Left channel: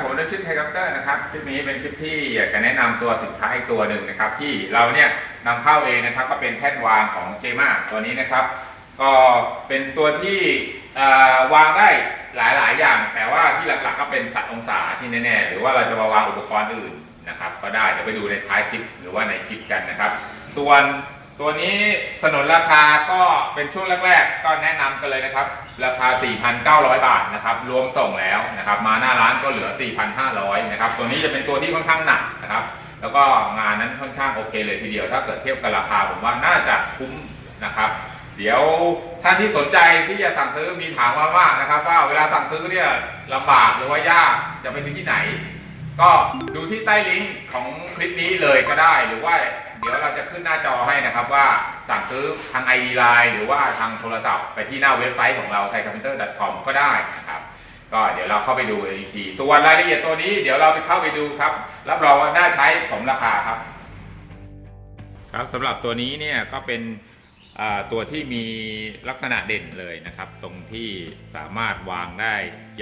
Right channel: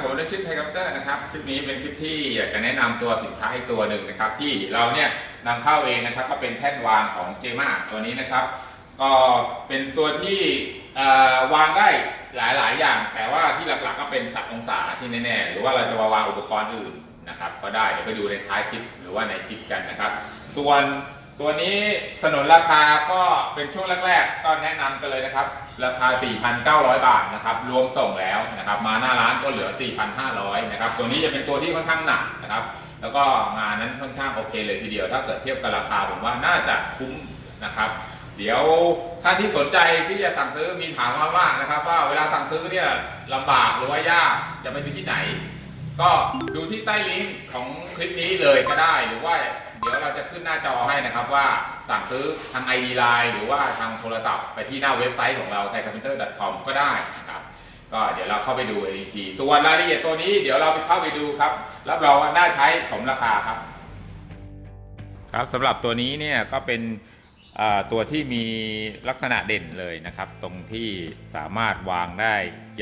ผมได้ชื่อไทยคัปเตอร์นะครับ คลิปนี้เป็นคลิปที่อยากจะแนะนำตัวสินค้าอีกตัวหนึ่งนะครับ ที่เราเนี่ยนำเข้าเองนะครับ ก็เป็นแท่นวางของเจมาตัวนี้นะครับ ก็เป็นตัวที่วางได้หลายๆ อย่าง แต่ว่าที่หลักๆก็เป็นตัดองศาที่แน่ๆ หรือว่าเราจะมาวางอุปกรณ์อื่นนะครับ ก็ได้เดี๋ยวไปดูในท้ายคลิปหรือว่าในคลิปกันนะครับ ส่วน ตัวนี้สนนราคาก็เป็นช่วงแรก ๆ ก็แนะนำกันเลยนะครับ ราคา 4,900 บาทนะครับ รวมส่งแล้วนะครับ มาหน้าร้านก็เหลือ 4,500 นะครับ ตัวนี้จะเป็นตัวที่ค่อนข้างหนักนะครับ แล้วก็งานนั้นค่อนข้างโอเคเลยทีเดียว ถ้าเกิดเทียบกับราคาผมว่าน่าจะคุ้มนะครับ เดี๋ยวท่านที่สนใจที่จะสั่งซื้อมีถามมาว่างนะครับ ว่าเวลาสั่งซื้อเนี่ยลำบากหรือว่ายากจะไปที่ไหน ก็ดูที่ใต้ลิงก์ของคลิปนี้เลยก็ได้หรือว่า เดี๋ยวเราจะขึ้นหน้าจอให้นะครับว่าสั่งซื้อทาง ID Line หรือว่าทางโทรศัพท์ไปที่หน้าเว็บไซต์ของเรา thaicarpenter.com ก็ได้นะครับ ก็เดี๋ยวเราเข้าไปดูอีกที ส่วนรายละเอียดตัวนี้เดี๋ยวเราไปเข้าไปดูครับ รับรองว่าน่าใช้สมราคาครับ ครับสำหรับตัวนี้เนี่ยก็เป็นอ่อตัวที่มีลักษณะเด่นเลยนะครับ ตรงที่สามารถวางได้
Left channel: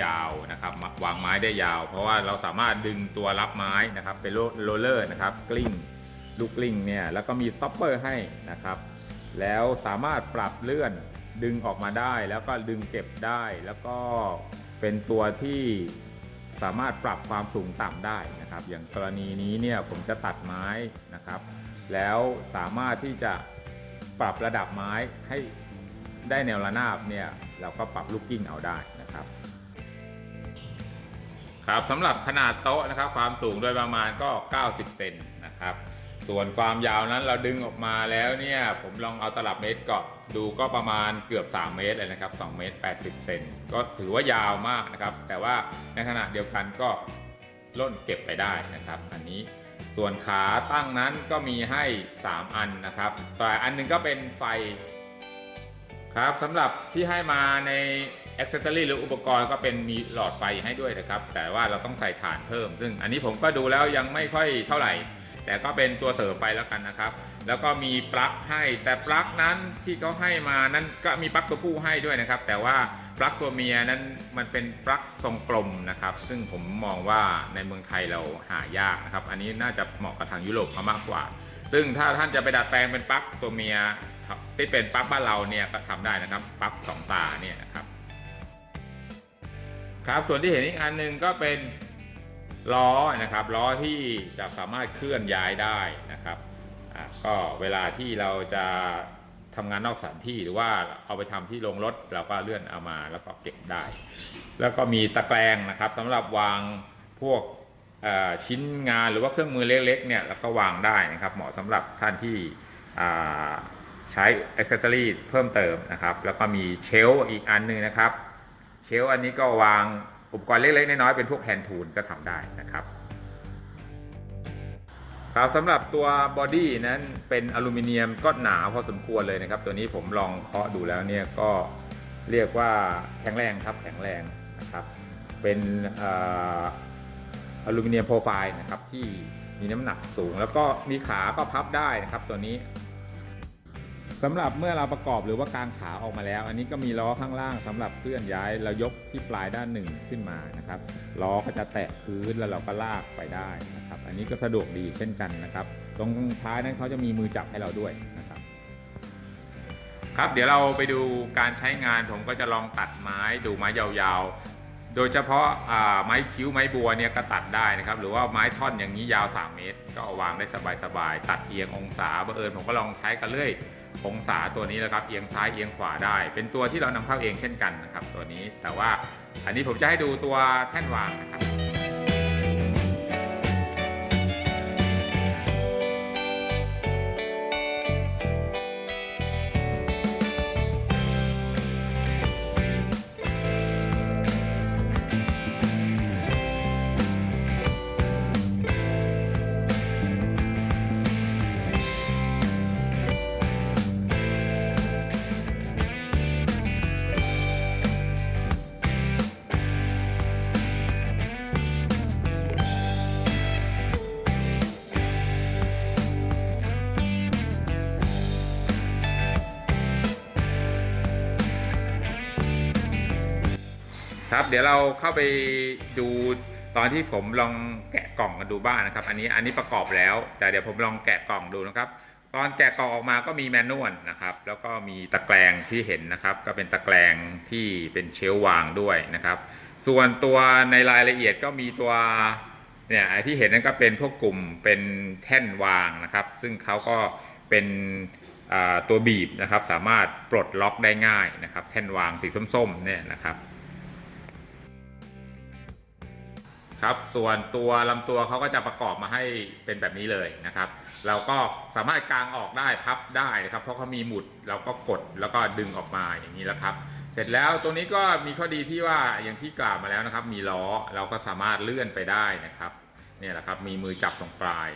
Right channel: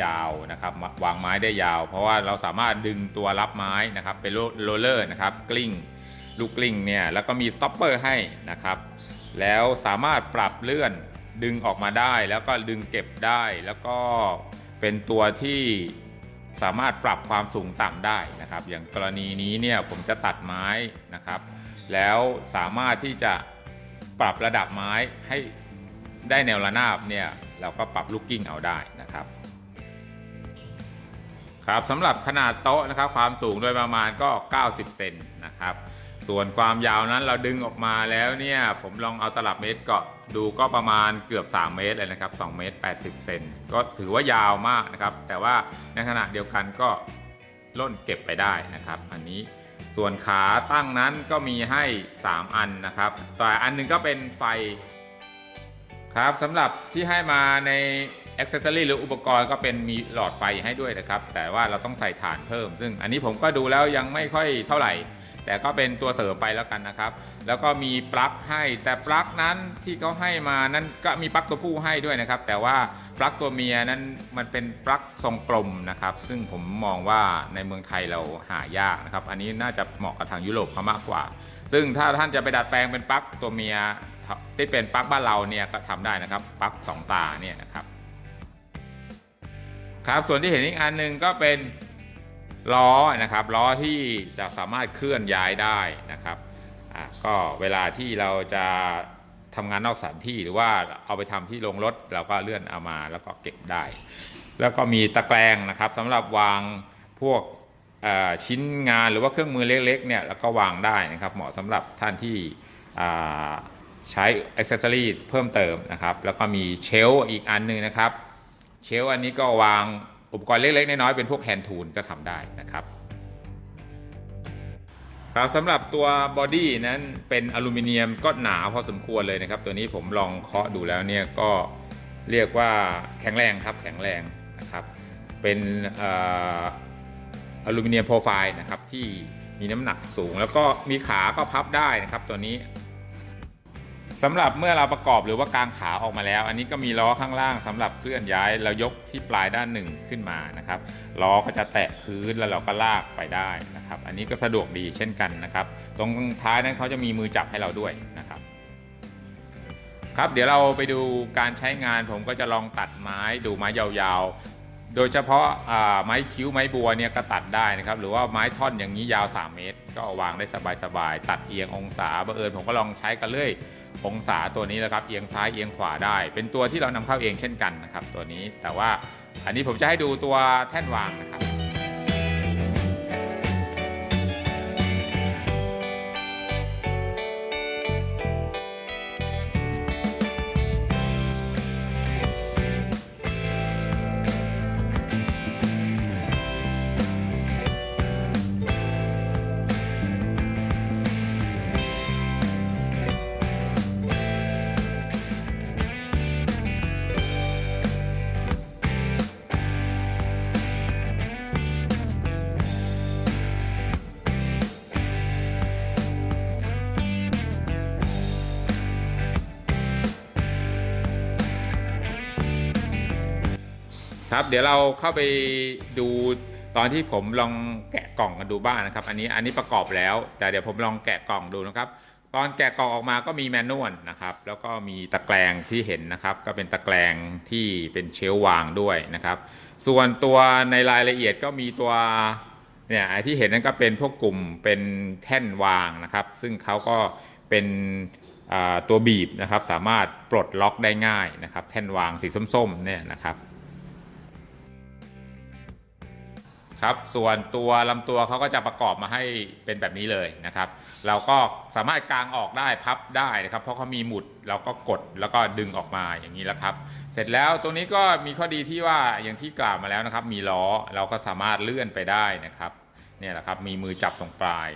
ยาวนะครับวางไม้ได้ยาว เพราะว่าเราสามารถดึงตัวรับไม้นะครับเป็นโรลเลอร์นะครับกลิ้ง ลูกกลิ้งเนี่ยแล้วก็มีสต็อปเปอร์ให้นะครับ แล้วสามารถปรับเลื่อนดึงออกมาได้ แล้วก็ดึงเก็บได้ แล้วก็เป็นตัวที่สามารถปรับความสูงต่ำได้นะครับ อย่างกรณีนี้เนี่ยผมจะตัดไม้นะครับ แล้วสามารถที่จะปรับระดับไม้ให้ได้แนวระนาบเนี่ยเราก็ปรับลูกกิ้งเอาได้นะครับครับสำหรับขนาดโต๊ะนะครับความสูงโดยประมาณก็ 90 เซนนะครับ ส่วนความยาวนั้นเราดึงออกมาแล้วเนี่ย ผมลองเอาตลับเมตรเกาะดูก็ประมาณเกือบ 3 เมตรเลยนะครับ2เมตร80 เซนก็ถือว่ายาวมากนะครับ แต่ว่าในขณะเดียวกันก็ล่นเก็บไปได้นะครับ อันนี้ส่วนขาตั้งนั้นก็มีให้ 3 อันนะครับแต่อันหนึงก็เป็นไฟครับสำหรับที่ให้มาในอ c เซ s ซอรีหรืออุปกรณ์ก็เป็นมีหลอดไฟให้ด้วยนะครับ แต่ว่าเราต้องใส่ถ่านเพิ่ม ซึ่งอันนี้ผมก็ดูแล้วยังไม่ค่อยเท่าไหร่ แต่ก็เป็นตัวเสริมไปแล้วกันนะครับ แล้วก็มีปลั๊กให้แต่ปลั๊กนั้นที่เขาให้มานั้นก็มีปลั๊กตัวผู้ให้ด้วยนะครับ แต่ว่าปลั๊กตัวเมียนั้นมันเป็นปลั๊กทรงกลมนะครับ ซึ่งผมมองว่าในเมืองไทยเราหายากนะครับ อันนี้น่าจะเหมาะกับทางยุโรปเขามากกว่า ซึ่งถ้าท่านจะไปดัดแปลงเป็นปลั๊กตัวเมียที่เป็นปลั๊กบ้านเราเนี่ยก็ทำได้นะครับปลั๊กสองตาเนี่ยนะครับครับส่วนที่เห็นอีกอันหนึ่งก็เป็น ล้อนะครับล้อที่จะสามารถเคลื่อนย้ายได้นะครับก็เวลาที่เราจะทำงานนอกสถานที่หรือว่าเอาไปทำที่โรงรถเราก็เลื่อนเอามาแล้วก็เก็บได้ แล้วก็มีตะแกรงนะครับสำหรับวางพวกชิ้นงานหรือว่าเครื่องมือเล็กๆเนี่ยแล้วก็วางได้นะครับ เหมาะสำหรับท่านที่ใช้อ c เซ s ซอรีเพิ่มเติมนะครับ แล้วก็มีเชลอีกอันหนึงนะครับ เชลอันนี้ก็วาง อุปกรณ์เล็กๆน้อยๆเป็นพวกแฮนด์ทูลก็ทำได้นะครับครับสำหรับตัวบอดี้นั้นเป็นอลูมิเนียมก็หนาพอสมควรเลยนะครับ ตัวนี้ผมลองเคาะดูแล้วเนี่ยก็เรียกว่าแข็งแรงครับแข็งแรงนะครับ เป็นอลูมิเนียมโปรไฟล์นะครับที่มีน้ำหนักสูง แล้วก็มีขาก็พับได้นะครับตัวนี้ สำหรับเมื่อเราประกอบหรือว่ากางขาออกมาแล้ว อันนี้ก็มีล้อข้างล่างสำหรับเคลื่อนย้ายเรายกที่ปลายด้านหนึ่งขึ้นมานะครับล้อก็จะแตะพื้นแล้วเราก็ลากไปได้นะครับ อันนี้ก็สะดวกดีเช่นกันนะครับ ตรงท้ายนั้นเขาจะมีมือจับให้เราด้วยนะครับ ครับเดี๋ยวเราไปดูการใช้งานผมก็จะลองตัดไม้ดูไม้ยาวๆ โดยเฉพาะไม้คิ้วไม้บัวเนี่ยก็ตัดได้นะครับ หรือว่าไม้ท่อนอย่างนี้ยาว 3 เมตร ก็วางได้สบายๆตัดเอียงองศาบังเอิญผมก็ลองใช้กันเรื่อย องศาตัวนี้แล้วครับเอียงซ้ายเอียงขวาได้ เป็นตัวที่เรานำเข้าเองเช่นกันนะครับ ตัวนี้แต่ว่าอันนี้ผมจะให้ดูตัวแท่นวางนะครับ เดี๋ยวเราเข้าไปดูตอนที่ผมลองแกะกล่องกันดูบ้างนะครับ อันนี้อันนี้ประกอบแล้ว แต่เดี๋ยวผมลองแกะกล่องดูนะครับ ตอนแกะกล่องออกมาก็มีแมนนวลนะครับ แล้วก็มีตะแกรงที่เห็นนะครับ ก็เป็นตะแกรงที่เป็นเชลวางด้วยนะครับ ส่วนตัวในรายละเอียดก็มีตัวเนี่ยที่เห็นนั่นก็เป็นพวกกลุ่มเป็นแท่นวางนะครับ ซึ่งเขาก็เป็นตัวบีบนะครับ สามารถปลดล็อกได้ง่ายนะครับ แท่นวางสีส้มๆเนี่ยนะครับ ครับส่วนตัวลำตัวเขาก็จะประกอบมาให้เป็นแบบนี้เลยนะครับ เราก็สามารถกางออกได้พับได้นะครับ เพราะเขามีหมุดเราก็กดแล้วก็ดึงออกมาอย่างนี้แหละครับ เสร็จแล้วตัวนี้ก็มีข้อดีที่ว่าอย่างที่กล่าวมาแล้วนะครับ มีล้อเราก็สามารถเลื่อนไปได้นะครับเนี่ยแหละครับมีมือจับตรงปลาย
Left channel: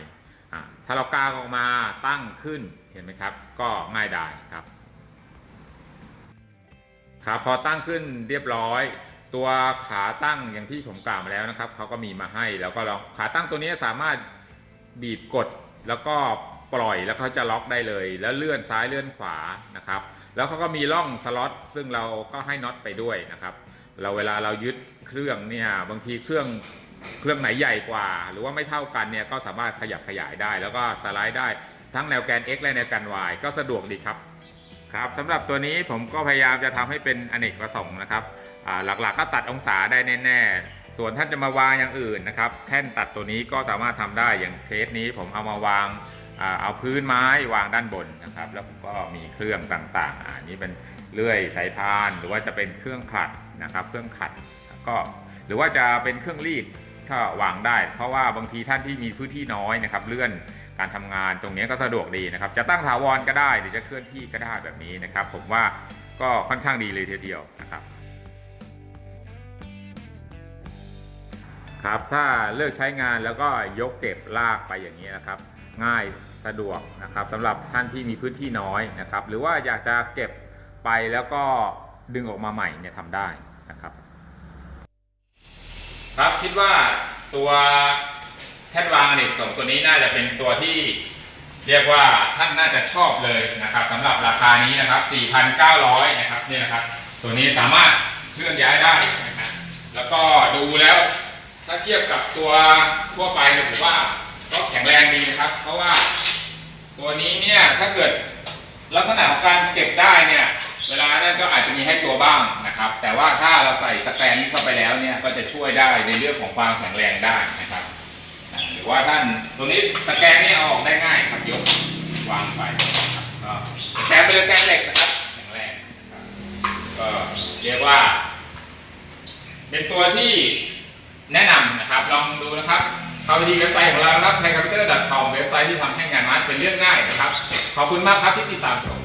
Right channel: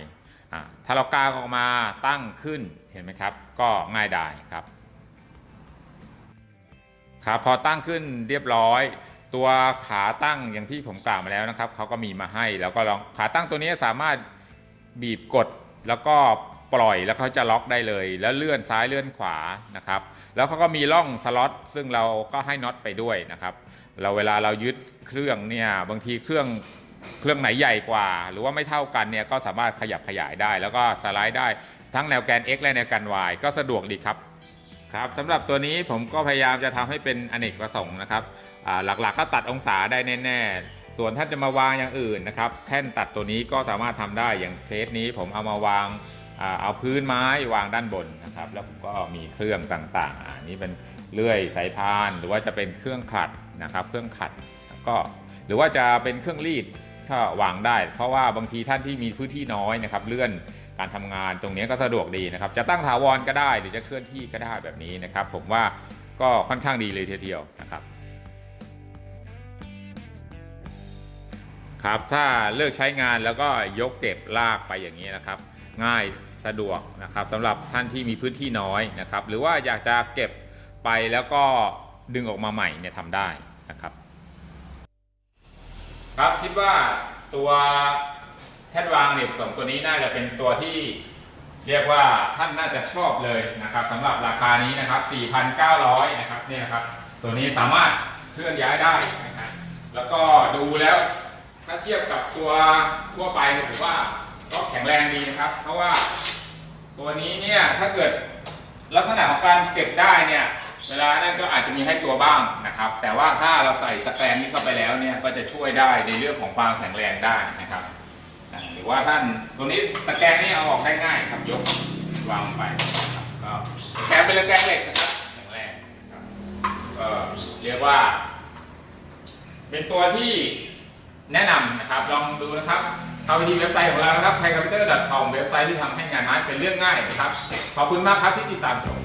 ถ้าเรากางออกมาตั้งขึ้นเห็นไหมครับ ก็ง่ายได้ครับครับพอตั้งขึ้นเรียบร้อย ตัวขาตั้งอย่างที่ผมกล่าวมาแล้วนะครับเขาก็มีมาให้แล้วก็ลองขาตั้งตัวนี้สามารถบีบกดแล้วก็ปล่อยแล้วเขาจะล็อกได้เลย แล้วเลื่อนซ้ายเลื่อนขวานะครับ แล้วเขาก็มีร่องสล็อตซึ่งเราก็ให้น็อตไปด้วยนะครับ เราเวลาเรายึดเครื่องเนี่ยบางทีเครื่องเครื่องไหนใหญ่กว่า หรือว่าไม่เท่ากันเนี่ยก็สามารถขยับขยายได้ แล้วก็สไลด์ได้ทั้งแนวแกน x และแนวแกน y ก็สะดวกดีครับครับสำหรับตัวนี้ผมก็พยายามจะทำให้เป็นอเนกประสงค์นะครับ หลักๆก็ตัดองศาได้แน่ๆ ส่วนท่านจะมาวางอย่างอื่นนะครับ แท่นตัดตัวนี้ก็สามารถทำได้อย่างเคสนี้ผมเอามาวางอเอาพื้นไม้วางด้านบนนะครับ แล้วผมก็มีเครื่องต่างๆอันนี้เป็นเลื่อยสายพานหรือว่าจะเป็นเครื่องขัดนะครับ เครื่องขัดก็หรือว่าจะเป็นเครื่องรีดก็วางได้ เพราะว่าบางทีท่านที่มีพื้นที่น้อยนะครับ เลื่อนการทำงานตรงนี้ก็สะดวกดีนะครับ จะตั้งถาวรก็ได้หรือจะเคลื่อนที่ก็ได้แบบนี้นะครับ ผมว่าก็ค่อนข้างดีเลยทีเดียวนะครับ ครับ ถ้าเลิกใช้งานแล้วก็ยกเก็บลากไปอย่างนี้นะครับ ง่ายสะดวกนะครับสำหรับท่านที่มีพื้นที่น้อยนะครับ หรือว่าอยากจะเก็บไปแล้วก็ดึงออกมาใหม่เนี่ยทำได้นะครับ ครับคิดว่าตัวแท่นวางอเนกประสงค์ตัวนี้น่าจะเป็นตัวที่เรียกว่าท่านน่าจะชอบเลยนะครับสำหรับราคานี้นะครับ 4,900 นะครับนี่นะครับ ตัวนี้สามารถเคลื่อนย้ายได้นะครับแล้วก็ดูแล้ว ถ้าเทียบกับตัวทั่วไปเนี่ยผมว่าก็แข็งแรงดีนะครับ เพราะว่าตัวนี้เนี่ยถ้าเกิดลักษณะของการเก็บได้เนี่ยเวลานั้นก็อาจจะมีให้ตัวบ้างนะครับ แต่ว่าถ้าเราใส่ตะแกรงนี้เข้าไปแล้วเนี่ยก็จะช่วยได้ในเรื่องของความแข็งแรงได้นะครับหรือว่าท่านตรงนี้ตะแกรงนี่เอาออกได้ง่ายครับยกวางไปครับก็แกรงเป็นตะแกรงเหล็กนะครับแข็งแรงก็เรียกว่า เป็นตัวที่ แนะนำนะครับ ลองดูนะครับเข้าไปที่เว็บไซต์ของเรานะครับ thaicapital.com เว็บไซต์ที่ทำให้งานมันเป็นเรื่องง่ายนะครับ ขอบคุณมากครับที่ติดตามชม